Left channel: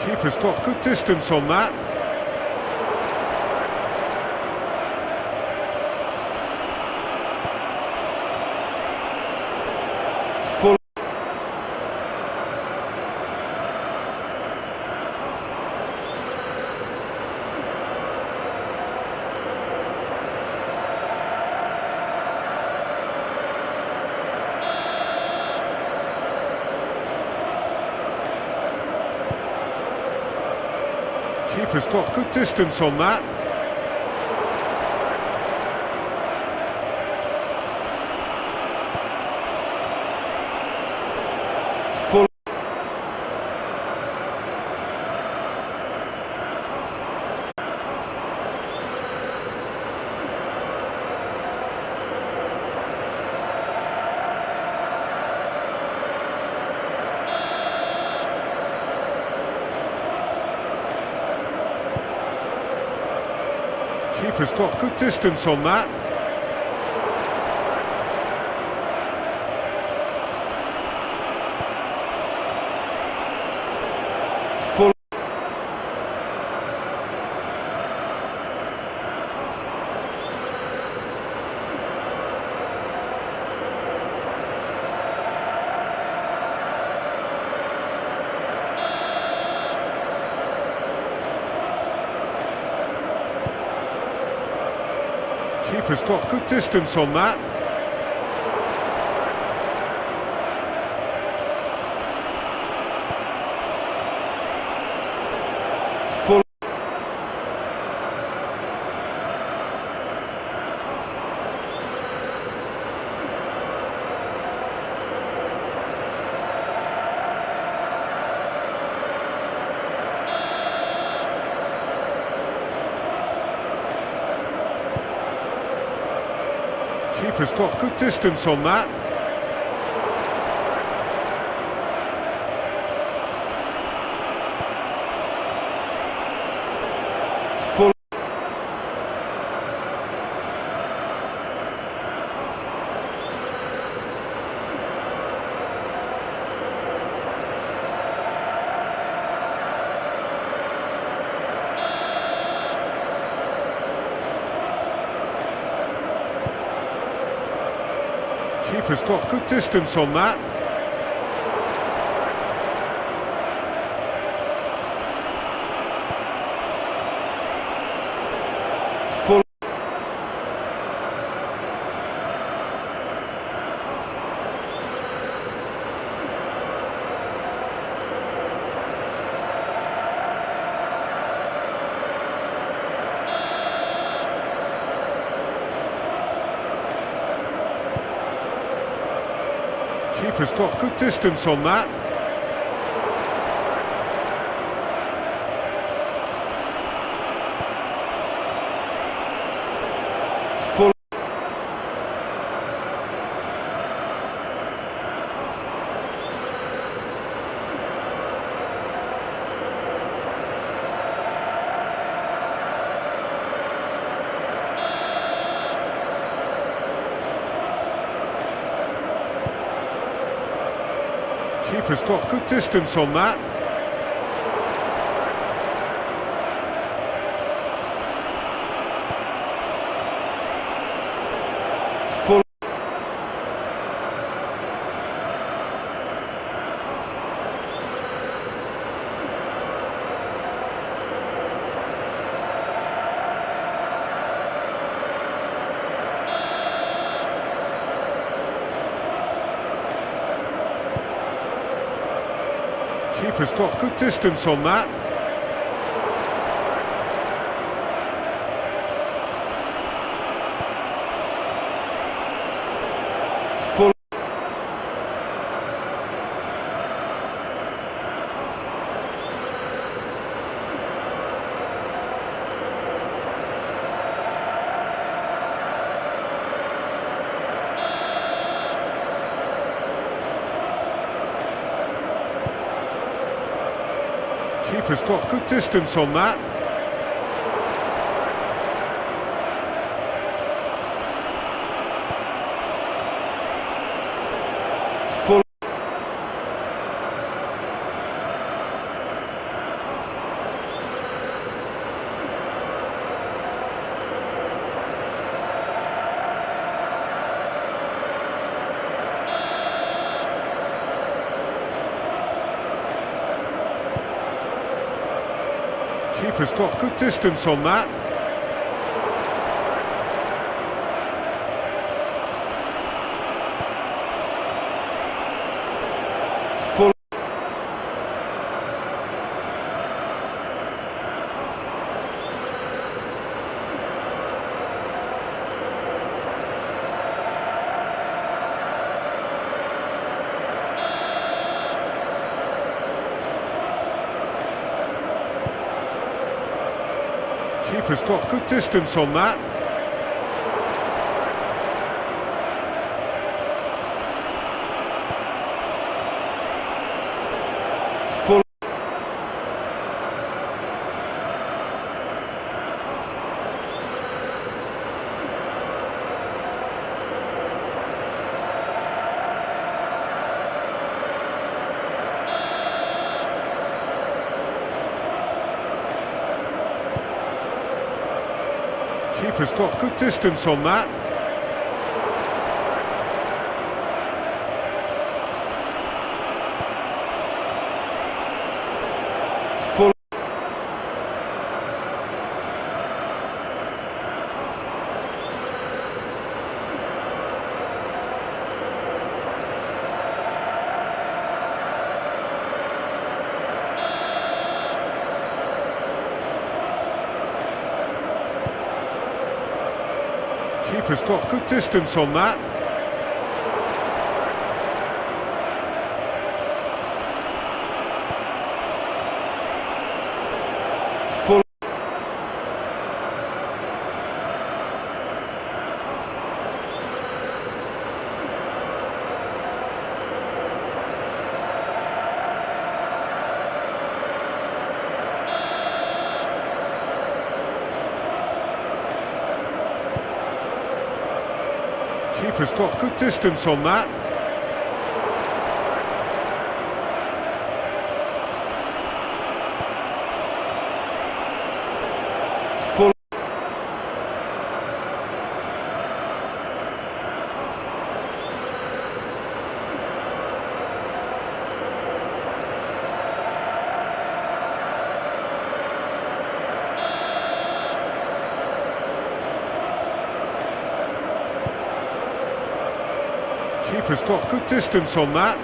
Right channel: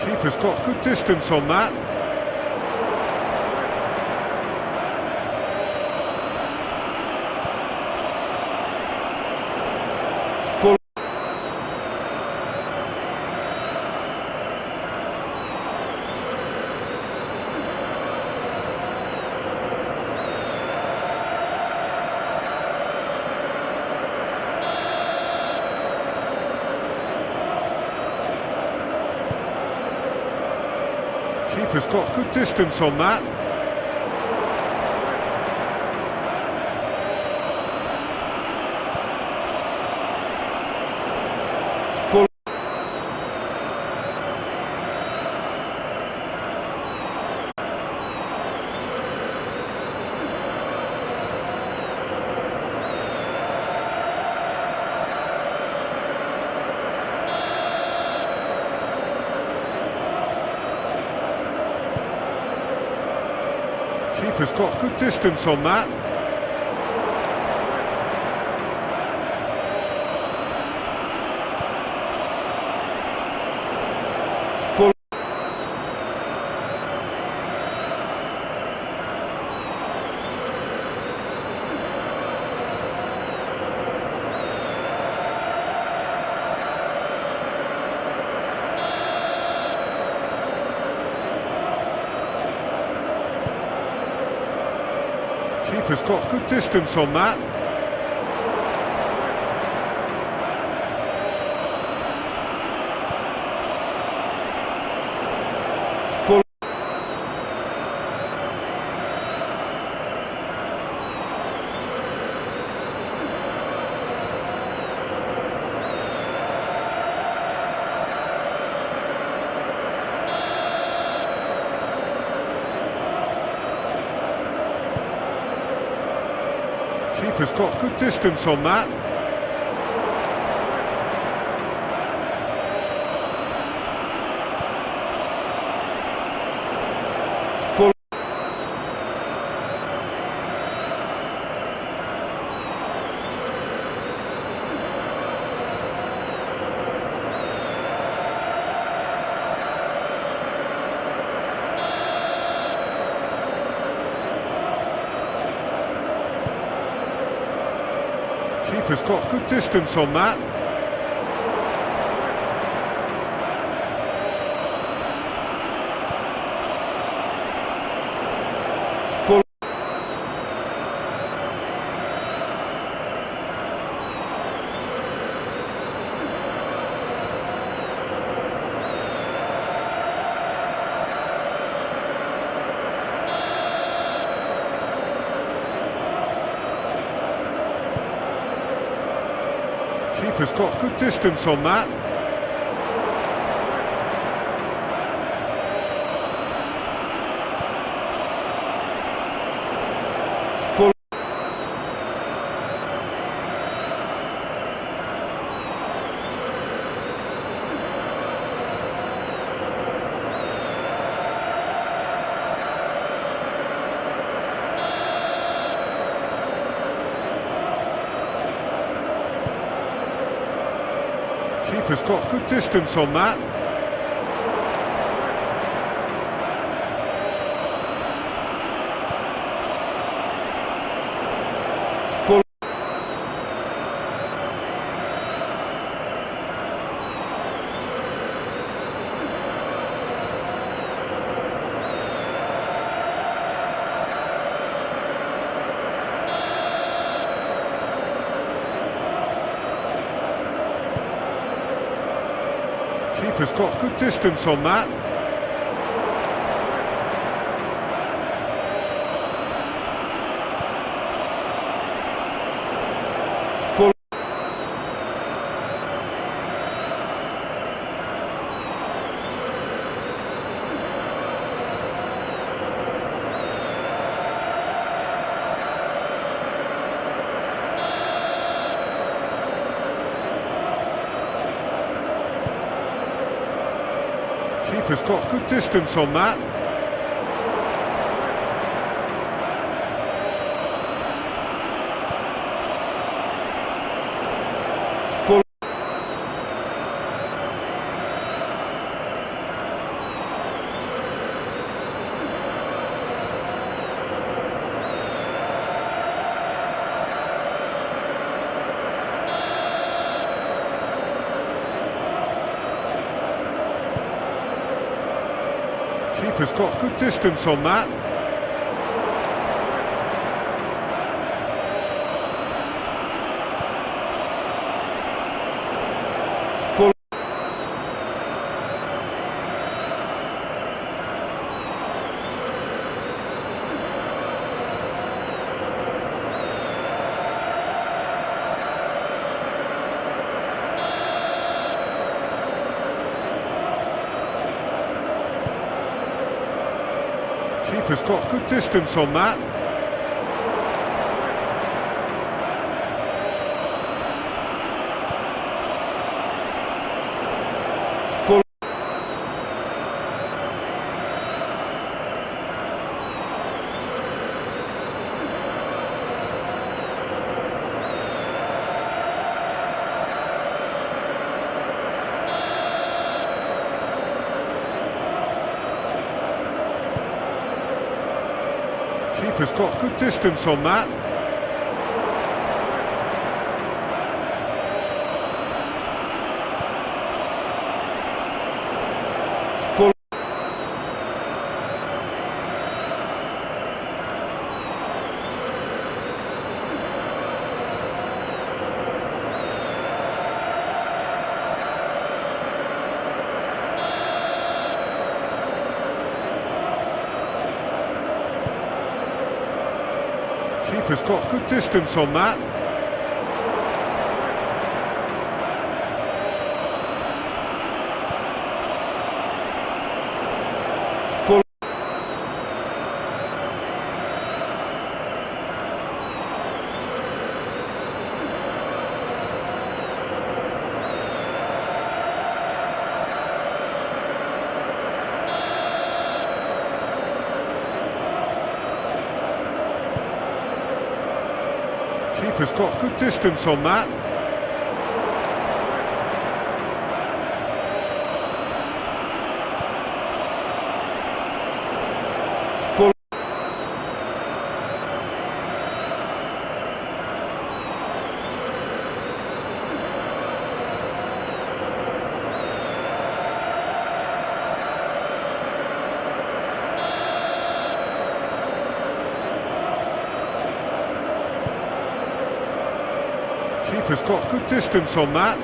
Keeper's got good distance on that. Full. Keeper's got good distance on that. Full. Keeper's got good distance on that. Full. Keeper's got good distance on that. Full. Keeper's got good distance on that. Full. Keeper's got good distance on that. Full. Keeper's got good distance on that. Full. Keeper's got good distance on that. Full. Keeper's got good distance on that. Full. Keeper's got good distance on that. Full. Keeper's got good distance on that. Full. Keeper's got good distance on that. Full. Keeper's got good distance on that. Full. Keeper's got good distance on that. Full. Keeper's got good distance on that. Full. Keeper's got good distance on that.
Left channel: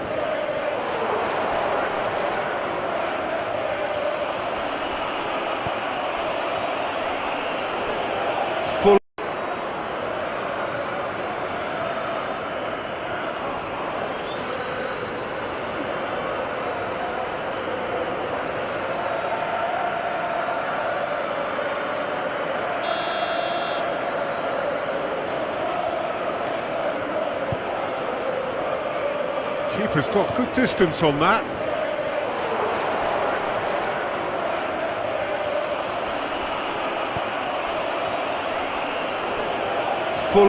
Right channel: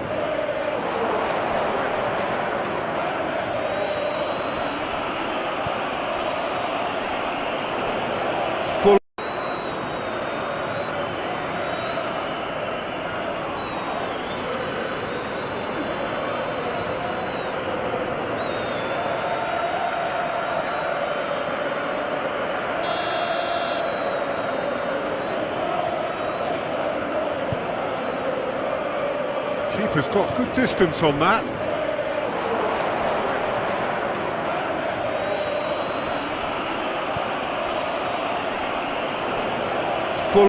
Full. Keeper's got good distance on that. Full.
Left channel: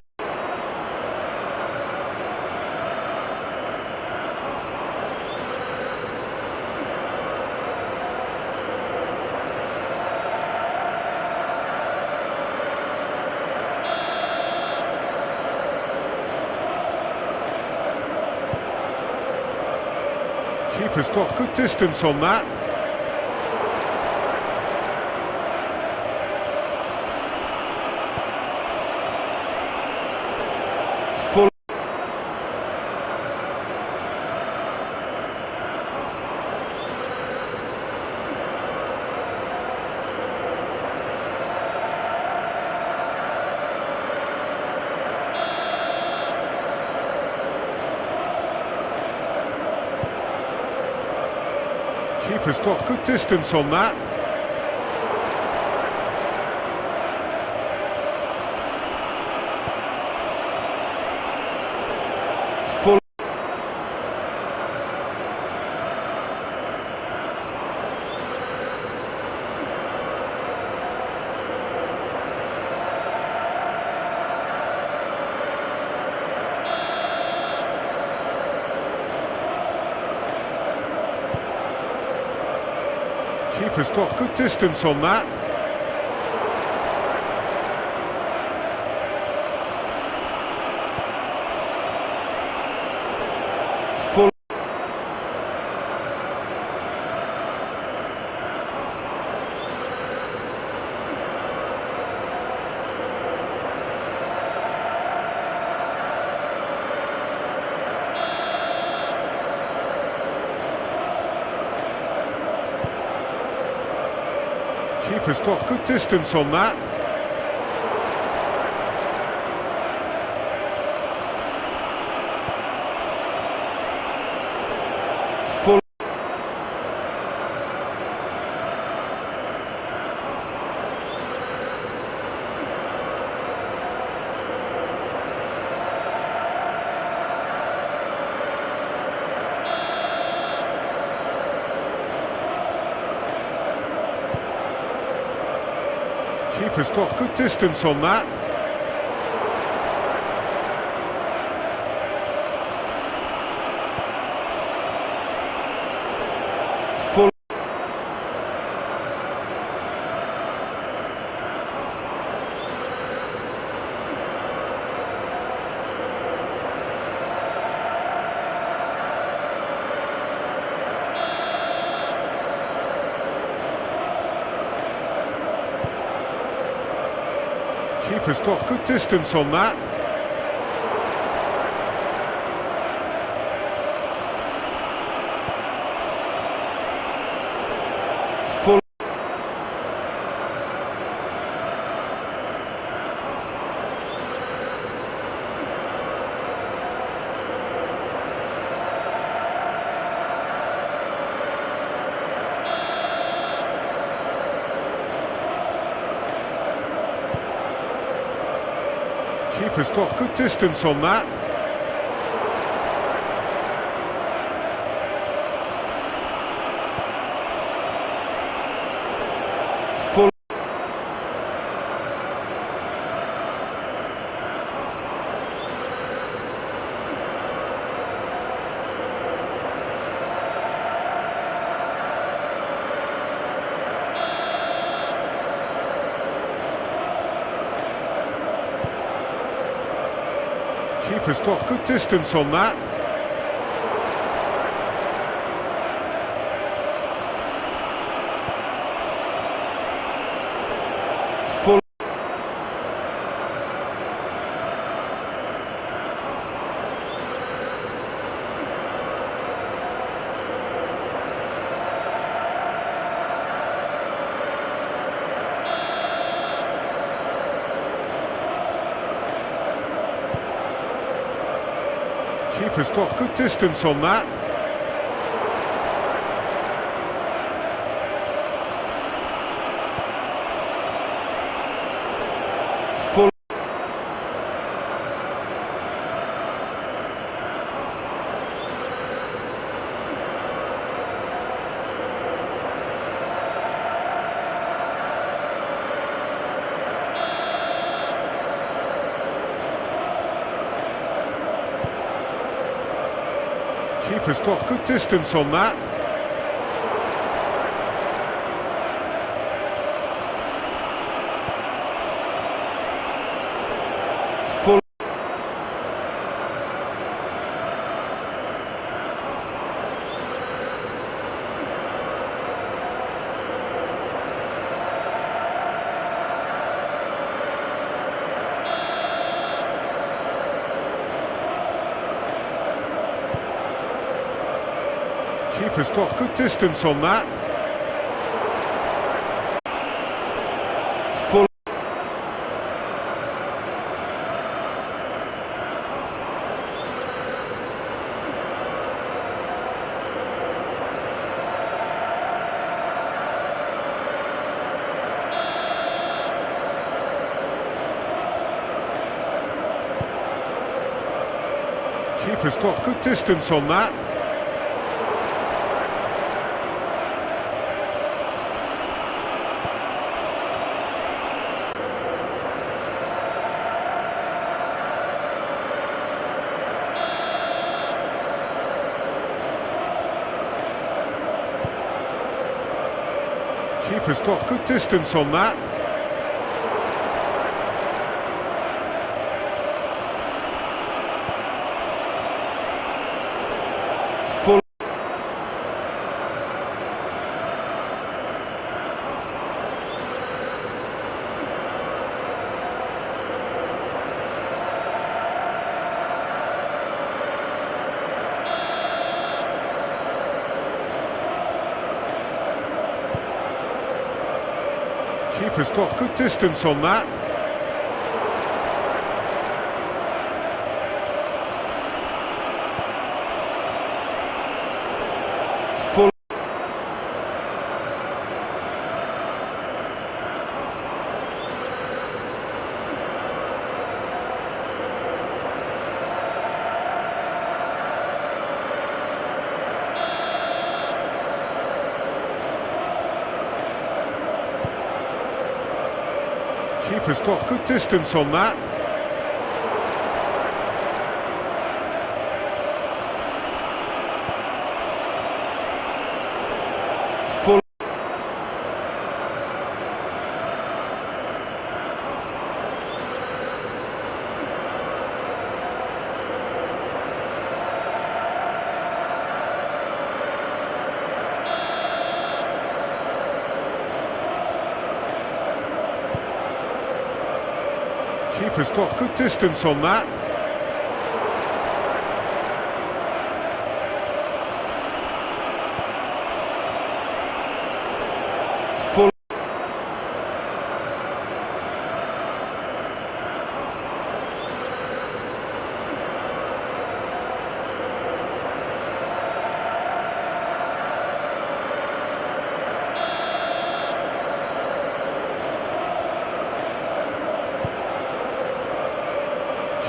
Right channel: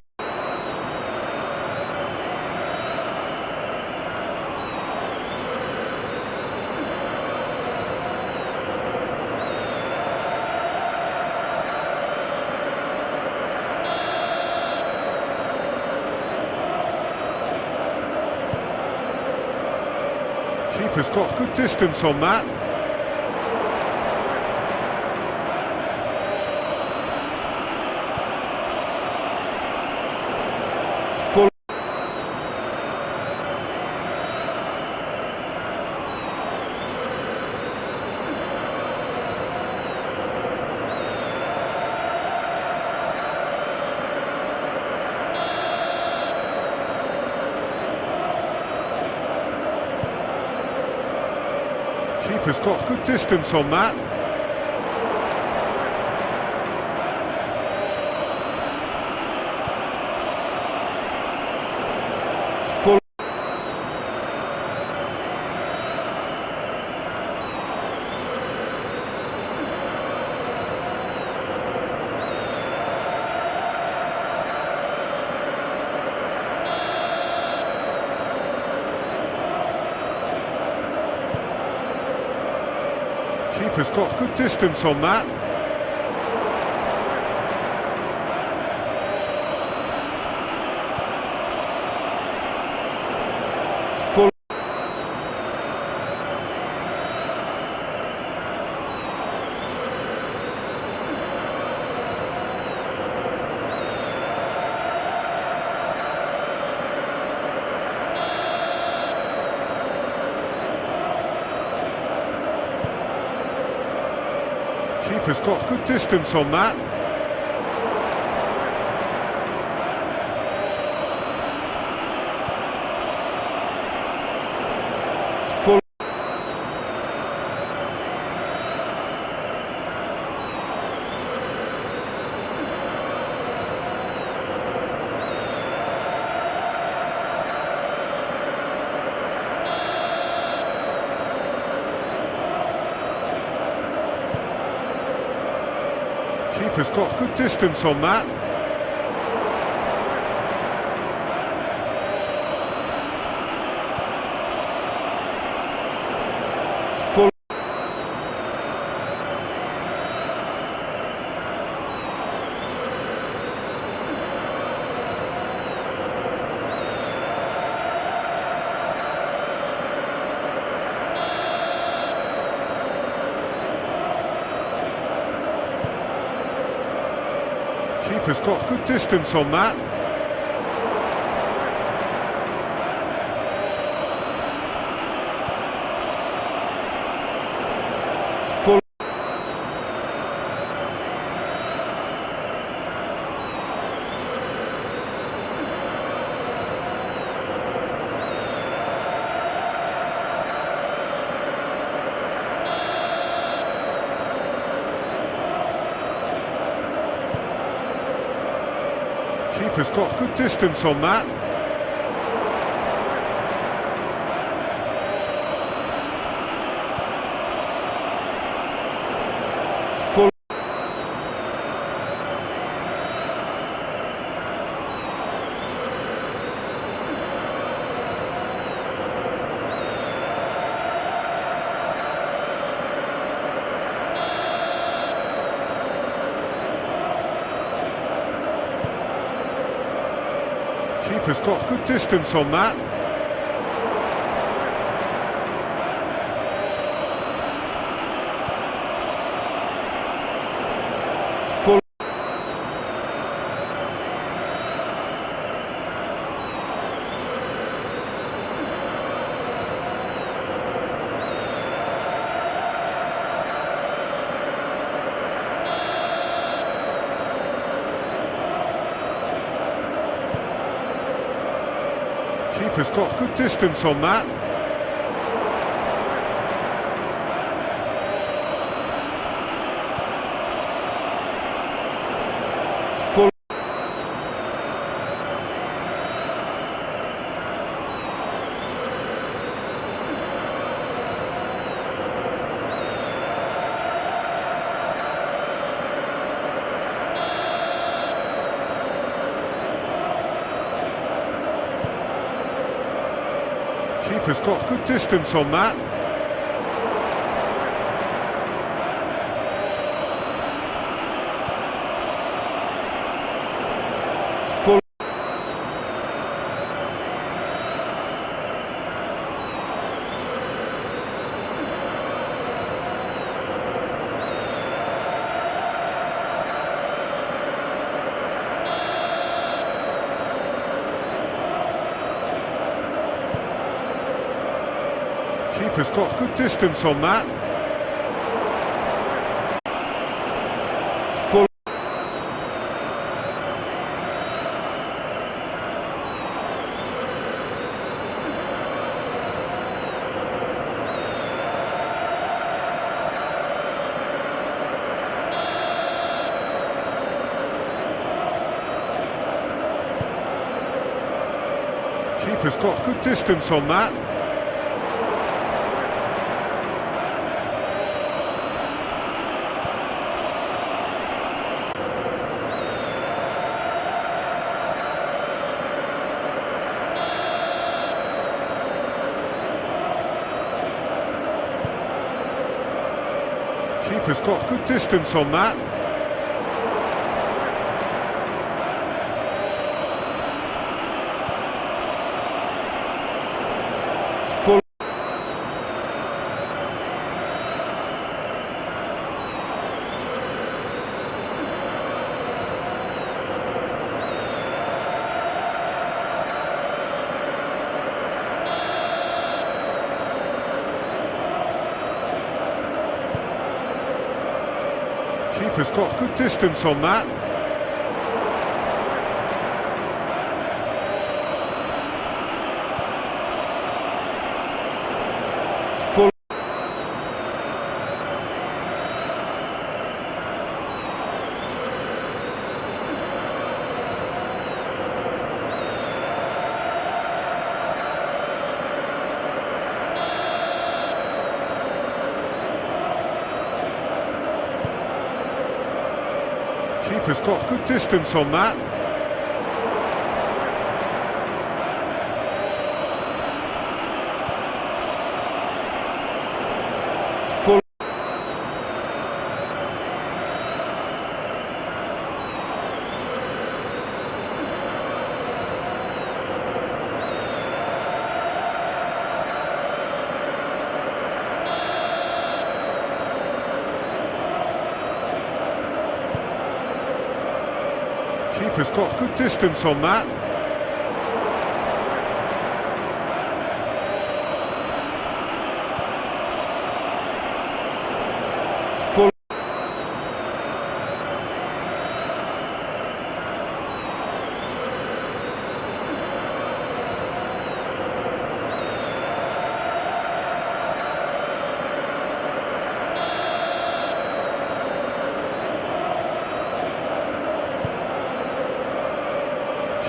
Keeper's got good distance on that. Full. Keeper's got good distance on that. Full. Keeper's got good distance on that. Full. Keeper's got good distance on that. Full. Keeper's got good distance on that. Full. Keeper's got good distance on that. Full. Keeper's got good distance on that. Full. Keeper's got good distance on that. Full. Keeper's got good distance on that. Full. Keeper's got good distance on that. Full. Keeper's got good distance on that. Full. Keeper's got good distance on that. Keeper's got good distance on that. Full. Keeper's got good distance on that. Full. Keeper's got good distance on that. Full. Keeper's got good distance on that. Full.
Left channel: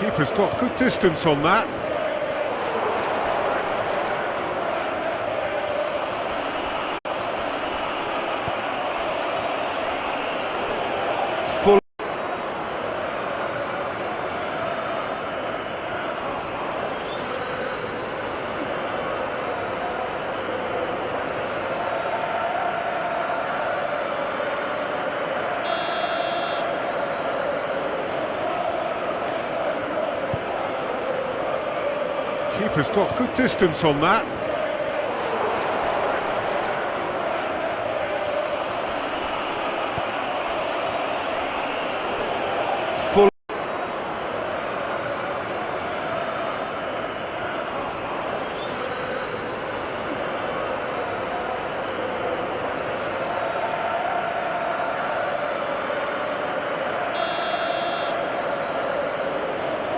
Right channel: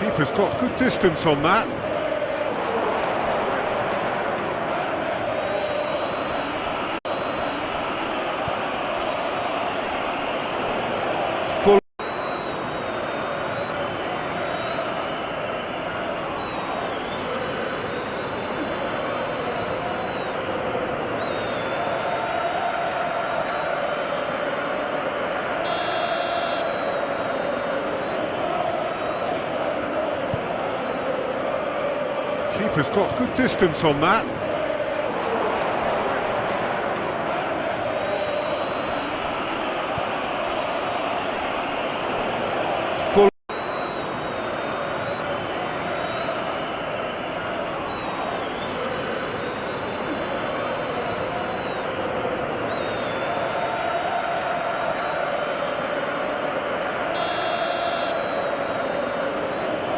Keeper's got good distance on that. Full. Keeper's got good distance on that.